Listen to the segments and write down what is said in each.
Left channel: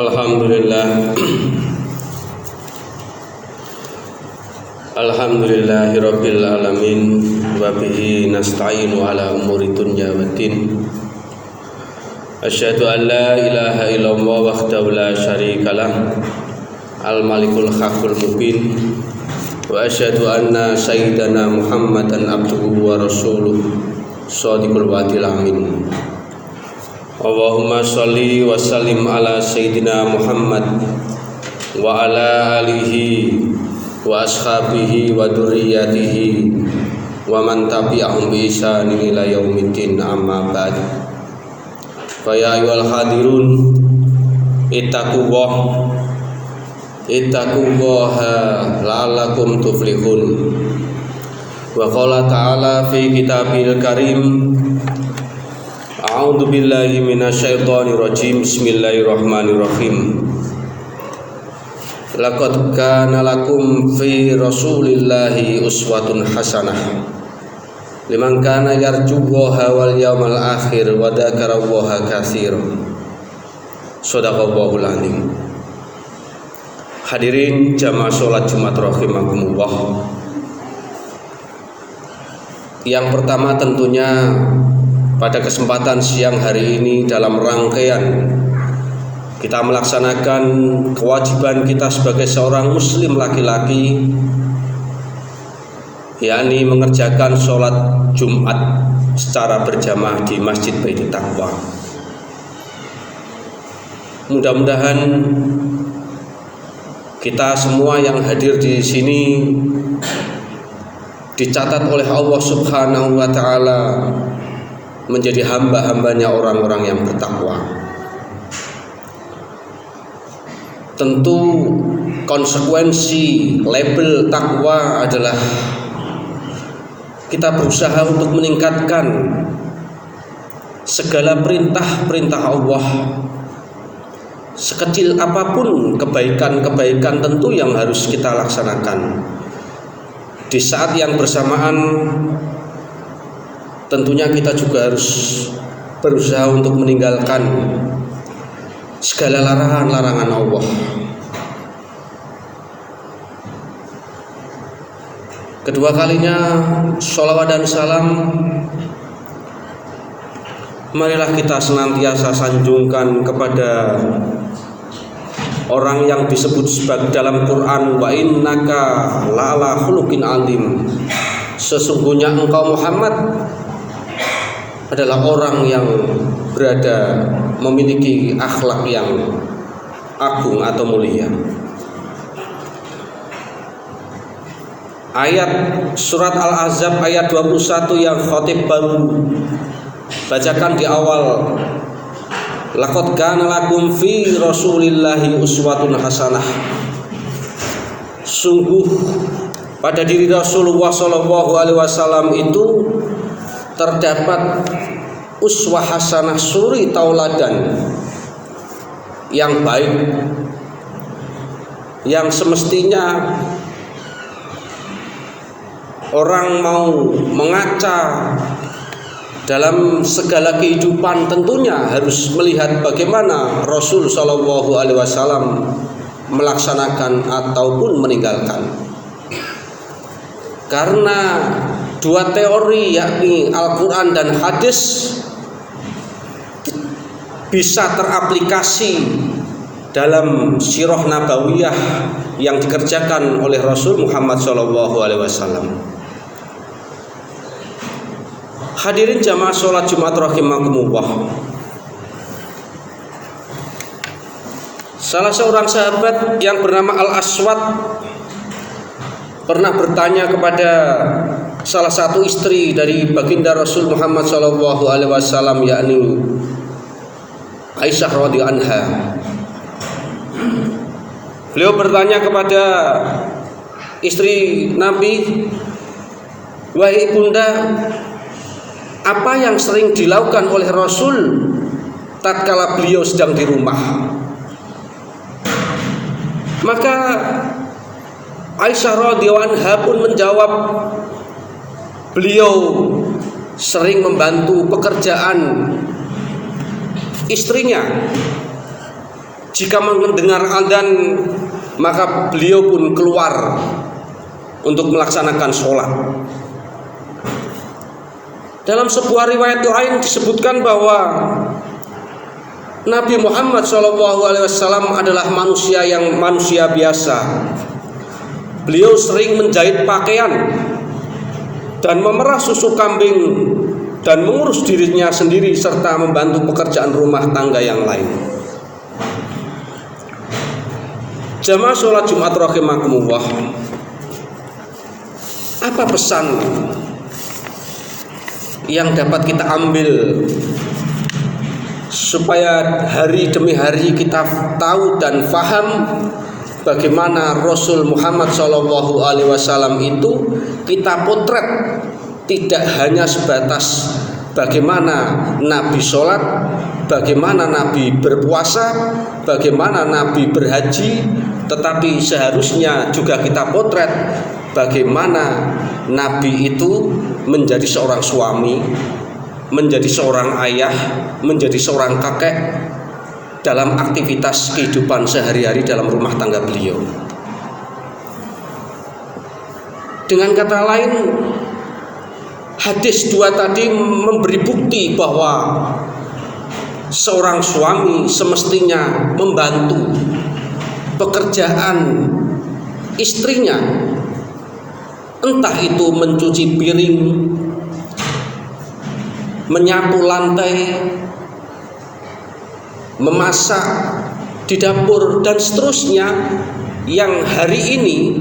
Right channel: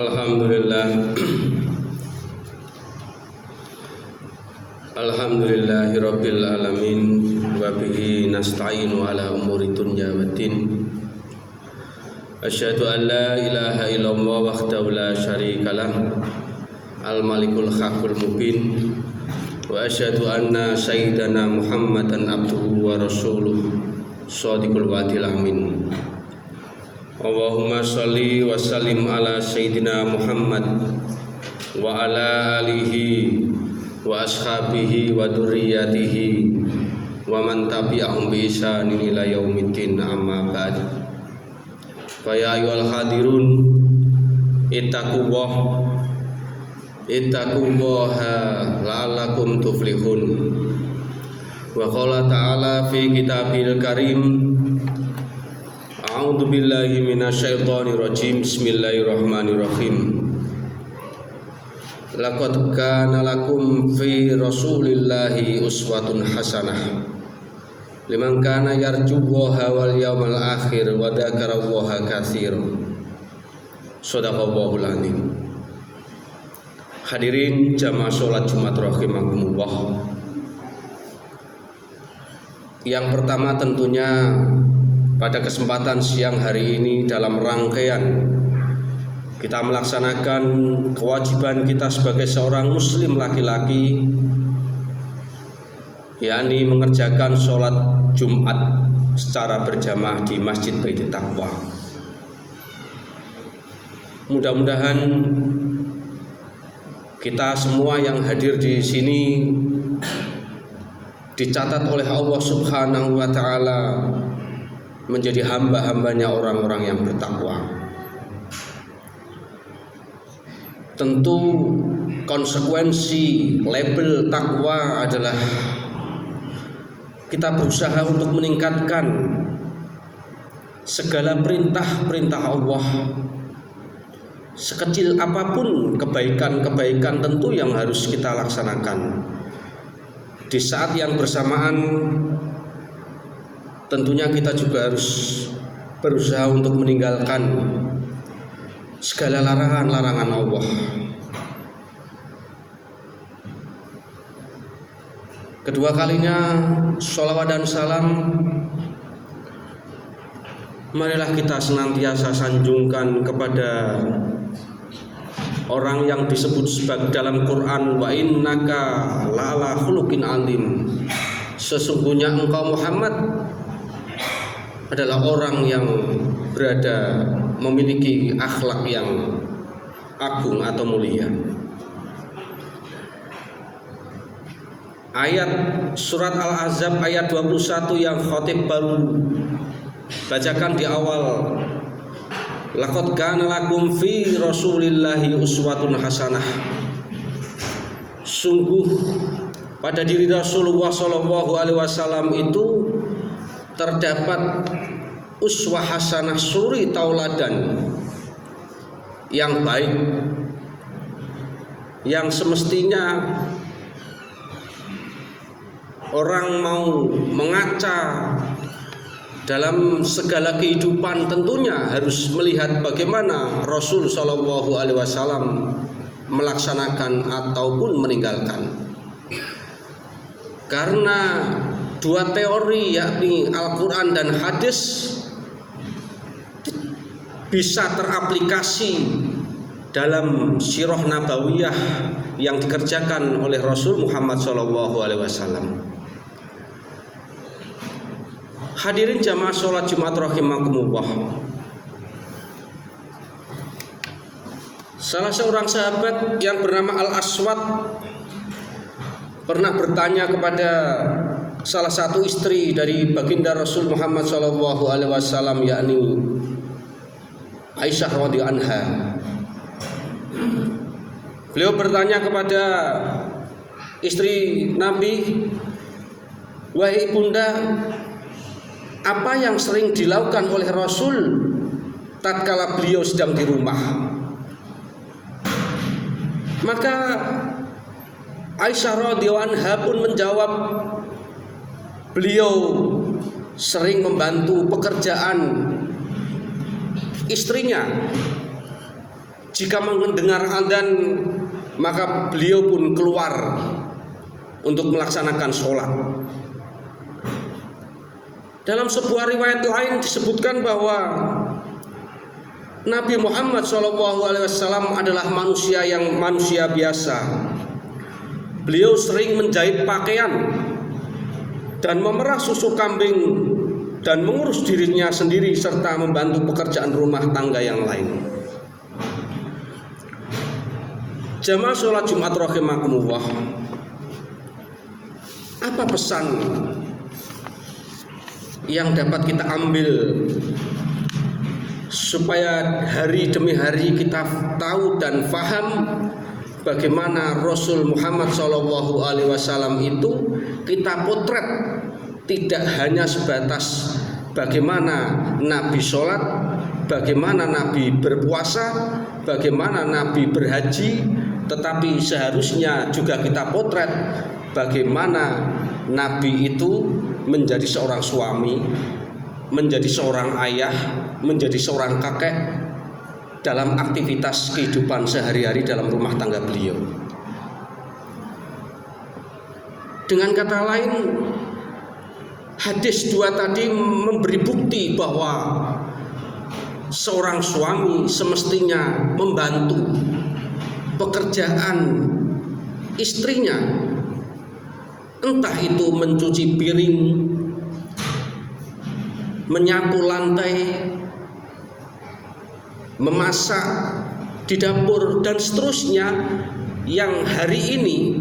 Alhamdulillah. Alhamdulillahirabbil alamin wa bihi nasta'inu ala umuri dunya waddin. Asyhadu an la ilaha illallah wahdahu la syarikalah al-malikul haqqul mubin wa asyhadu anna sayyidana Muhammadan abduhu wa rasuluh shadiqul wa'dil amin. Allahumma sholli wa sallim ala sayyidina Muhammad wa ala alihi wa ashabihi wa dzurriyyatihi wa man tabi'ahum bi ihsanin ila yaumiddin, amma ba'd. Fa ya ayyuhal hadirun ittaqullaha la'allakum tuflihun. Wa qala ta'ala fi kitabil karim, a'udzu billahi minasyaitonir rajim. Bismillahirrahmanirrahim. Laqad kana lakum fi rasulillahi uswatun hasanah liman kana yarjullaha wal yawmal akhir wa dzakarallaha katsiran. Shadaqallahul azim. Hadirin jamaah salat Jumat rahimakumullah. Yang pertama tentunya pada kesempatan siang hari ini dalam rangkaian kita melaksanakan kewajiban kita sebagai seorang muslim laki-laki, yakni mengerjakan sholat Jumat secara berjamaah di Masjid Baitul Taqwa. Mudah-mudahan kita semua yang hadir di sini dicatat oleh Allah Subhanahu wa taala menjadi hamba-hambanya orang-orang yang bertakwa. Tentu konsekuensi label takwa adalah kita berusaha untuk meningkatkan segala perintah-perintah Allah. Sekecil apapun kebaikan-kebaikan tentu yang harus kita laksanakan. Di saat yang bersamaan tentunya kita juga harus berusaha untuk meninggalkan segala larangan-larangan Allah. Kedua kalinya sholawat dan salam marilah kita senantiasa sanjungkan kepada orang yang disebut sebagai dalam Quran, wa innaka la'ala khuluqin azim. Sesungguhnya engkau Muhammad adalah orang yang berada memiliki akhlak yang agung atau mulia. Ayat surat Al-Ahzab ayat 21 yang khatib baru bacakan di awal, laqad kana lakum fi rasulillahi uswatun hasanah. Sungguh pada diri Rasulullah sallallahu alaihi wasallam itu terdapat uswah hasanah, suri tauladan yang baik, yang semestinya orang mau mengaca dalam segala kehidupan tentunya harus melihat bagaimana Rasul sallallahu alaihi wasallam melaksanakan ataupun meninggalkan. Karena dua teori yakni Al-Quran dan hadis bisa teraplikasi dalam sirah nabawiyah yang dikerjakan oleh Rasul Muhammad SAW. Hadirin jamaah sholat Jumat rahimakumullah. Salah seorang sahabat yang bernama Al-Aswad pernah bertanya kepada salah satu istri dari baginda Rasul Muhammad SAW, yakni Aisyah radhiyallahu anha. Beliau bertanya kepada istri Nabi, wahai ibunda, apa yang sering dilakukan oleh Rasul tatkala beliau sedang di rumah? Maka Aisyah radhiyallahu anha pun menjawab, beliau sering membantu pekerjaan istrinya Jika mendengar adzan, maka beliau pun keluar untuk melaksanakan sholat. Dalam sebuah riwayat lain disebutkan bahwa Nabi Muhammad SAW adalah manusia biasa. Beliau sering menjahit pakaian dan memerah susu kambing dan mengurus dirinya sendiri serta membantu pekerjaan rumah tangga yang lain. Jamaah sholat Jumat rahimakumullah, apa pesan yang dapat kita ambil supaya hari demi hari kita tahu dan faham bagaimana Rasul Muhammad SAW itu kita potret, tidak hanya sebatas bagaimana Nabi sholat, bagaimana Nabi berpuasa, bagaimana Nabi berhaji, tetapi seharusnya juga kita potret bagaimana Nabi itu menjadi seorang suami, menjadi seorang ayah, menjadi seorang kakek dalam aktivitas kehidupan sehari-hari dalam rumah tangga beliau. Dengan kata lain, hadis 2 tadi memberi bukti bahwa seorang suami semestinya membantu pekerjaan istrinya, entah itu mencuci piring, menyapu lantai, memasak di dapur, dan seterusnya, yang hari ini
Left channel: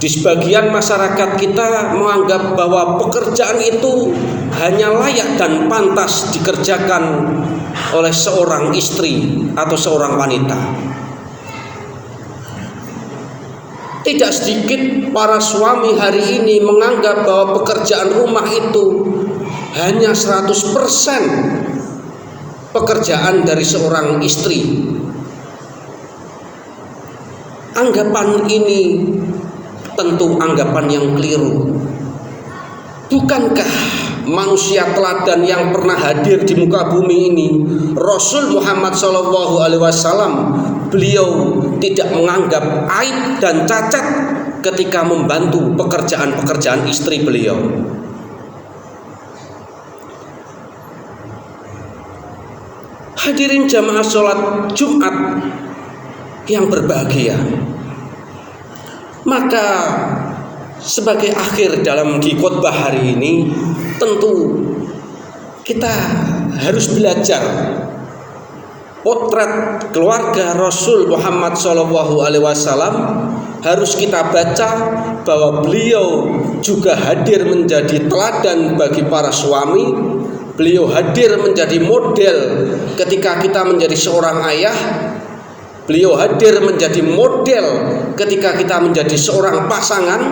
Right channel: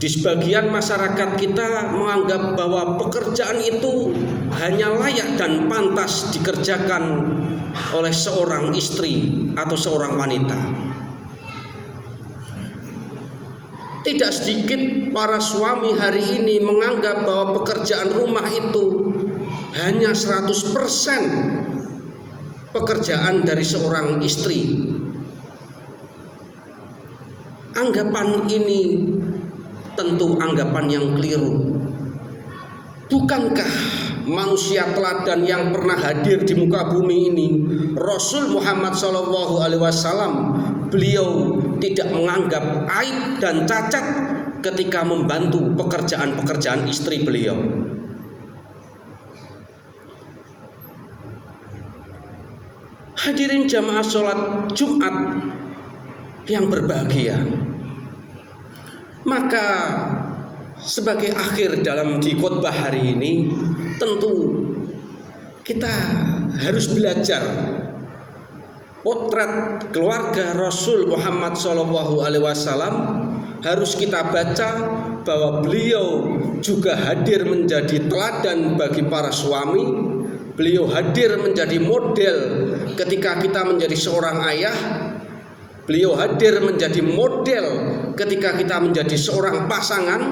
di sebagian masyarakat kita menganggap bahwa pekerjaan itu hanya layak dan pantas dikerjakan oleh seorang istri atau seorang wanita. Tidak sedikit para suami hari ini menganggap bahwa pekerjaan rumah itu hanya 100% pekerjaan dari seorang istri. Anggapan ini tentu anggapan yang keliru. Bukankah manusia teladan yang pernah hadir di muka bumi ini, Rasul Muhammad SAW, beliau tidak menganggap aib dan cacat ketika membantu pekerjaan-pekerjaan istri beliau. Hadirin jamaah sholat Jumat yang berbahagia, maka sebagai akhir dalam khotbah hari ini, tentu kita harus belajar potret keluarga Rasul Muhammad SAW. Harus kita baca bahwa beliau juga hadir menjadi teladan bagi para suami. Beliau hadir menjadi model ketika kita menjadi seorang ayah. Beliau hadir menjadi model ketika kita menjadi seorang pasangan,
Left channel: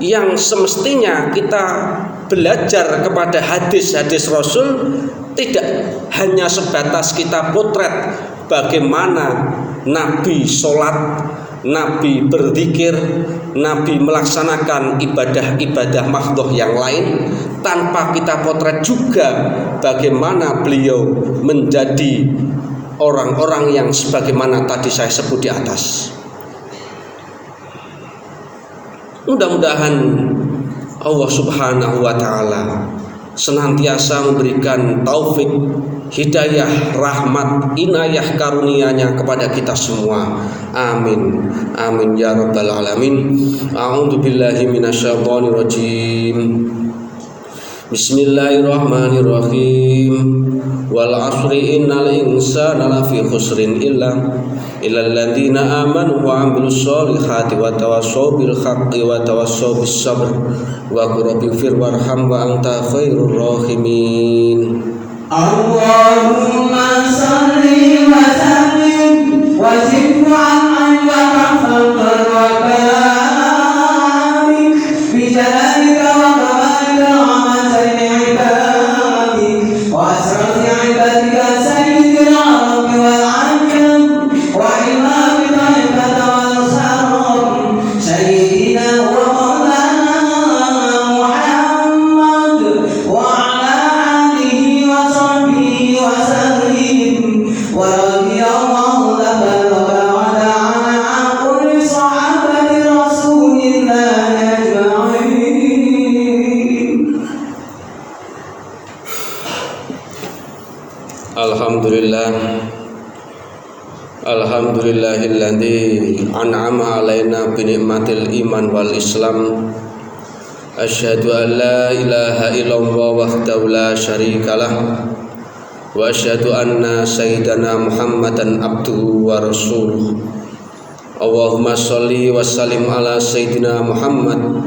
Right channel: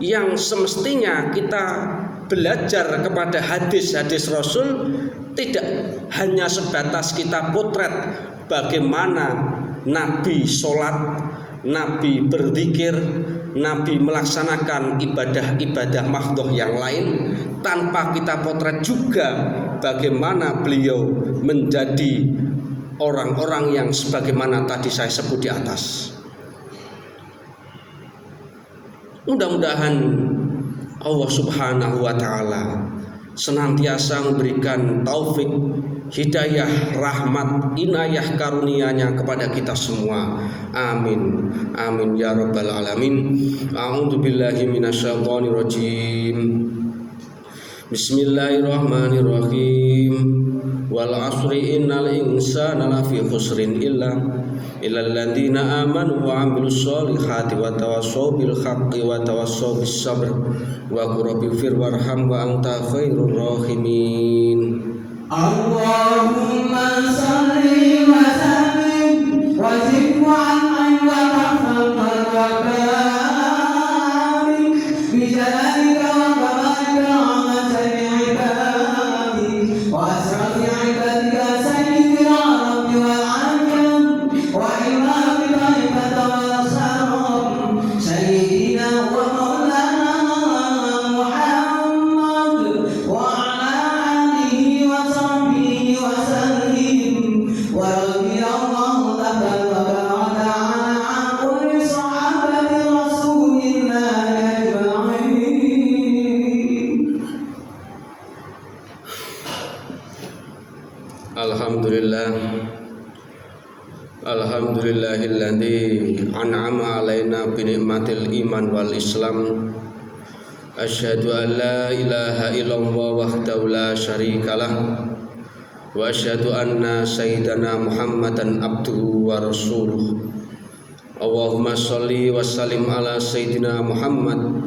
yang semestinya kita belajar kepada hadis-hadis Rasul, tidak hanya sebatas kita potret bagaimana Nabi sholat, Nabi berzikir, Nabi melaksanakan ibadah-ibadah mahdhoh yang lain, tanpa kita potret juga bagaimana beliau menjadi orang-orang yang sebagaimana tadi saya sebut di atas. Mudah-mudahan Allah Subhanahu wa ta'ala senantiasa memberikan taufik, hidayah, rahmat, inayah karunia-Nya kepada kita semua. Amin. Amin ya rabbal alamin. A'udzu billahi minasyaitonir rajim. Bismillahirrahmanirrahim. Wal 'asri innal insana lafi khusrin illa alladzina amanu wa 'amilus solihati wa tawassaw bil haqqi wa tawassaw bis sabr wa qul rabbighfir warham wa anta khairur rahimin. Allahumma salli wa sallim wa zid wa an'im wa rahmam wa barik bi jalalika wa kamalika wa masani ibadi wa asrafi ibadika sayyidil arabi wal ajam wa imami ta'ibata wal salam sayyidina wa maulana Muhammad wa ala alihi wa sahbihi wa sallim wa radiyallahu Alhamdulillahilladzi an'ama alaina bi ni'matil iman wal islam. Asyhadu an la ilaha illallah wahdahu la syarikalah wa asyhadu anna sayyidana Muhammadan abduhu wa rasuluh. Allahumma sholli wa sallim ala sayyidina Muhammad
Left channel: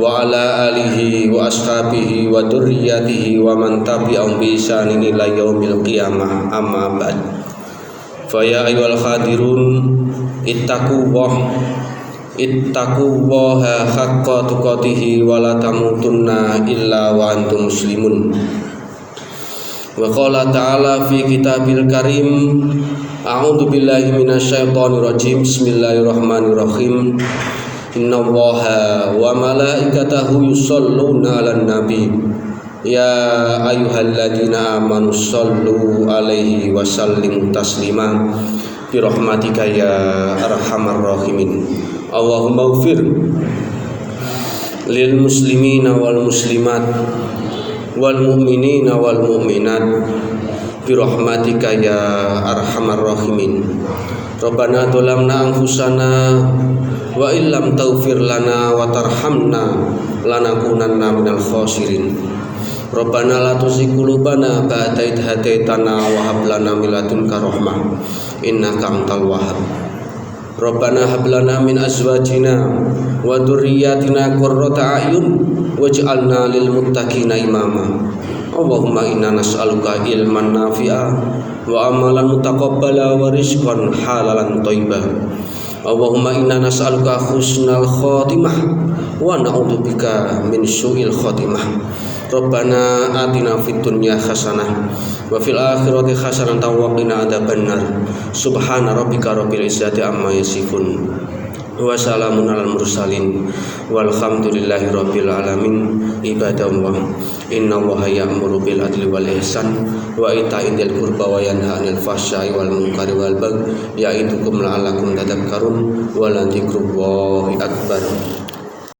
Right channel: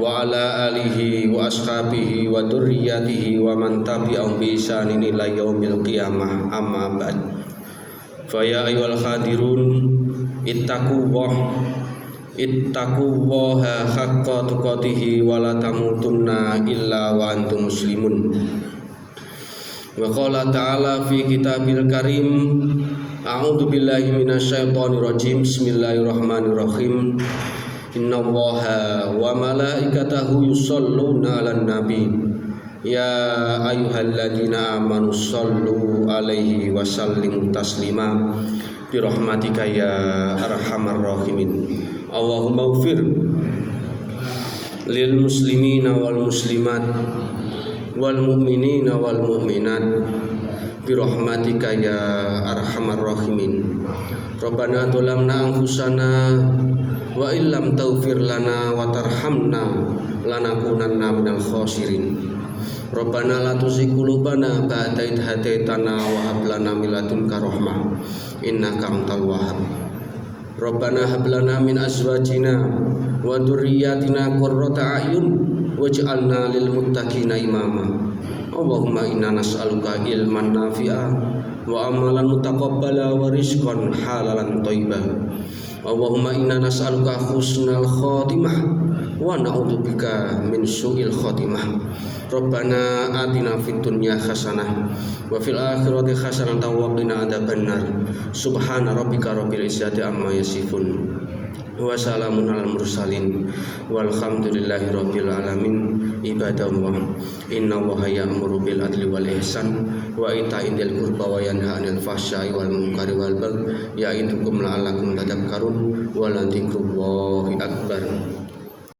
wa ala alihi wa ashabihi wa dzurriyyatihi wa man tabi'ahum bi ihsanin ila yaumil qiyamah. Amma ba'd. Fa ya ayyuhal hadirun ittaqullaha haqqa tuqatih wa la tamutunna illa wa antum muslimun. Wa qala ta'ala fi kitabil karim, a'udzu billahi minasyaitonir rajim. Bismillahirrahmanirrahim. Innallaha wa malaikatahu yusholluna 'alan nabi. Ya ayyuhalladzina amanu shollu 'alaihi wa sallimu taslima. Bi rahmatika ya arhamar rahimin. Allahumma ighfir lil muslimina wal muslimat wal mu'minina wal mu'minat bi rahmatika ya arhamar rahimin. Rabbana dzalamna anfusana wa illam taghfir lana wa tarhamna lanakunanna minal khasirin. Rabbana la tuzigh qulubana ba'da idh hadaitana wa hab lana min ladunka rahmah innaka antal wahhab. Rabbana hab lana min azwajina wa dzurriyyatina qurrata a'yun waj'alna lil muttaqina imama. Allahumma inna nas'aluka ilman nafi'a wa amalan mutaqabbala wa rizqan halalan thayyiban. Allahumma inna nas'aluka husnal khotimah wa na'udzubika min su'il khotimah. Rabbana atina fid dunya hasanah wa fil akhirati hasanah wa qina adzabannar. Subhana rabbika rabbil izzati amma yasifun wa salamun alal mursalin walhamdulillahi rabbil alamin. Ibadallah, innallaha ya'muru bil adli wal ihsan wa ita'i dzil qurba wa yanha 'anil fahsya'i wal munkari wal baghi ya'idukum la'allakum tadhakkarun wa la dzikrullahi akbar.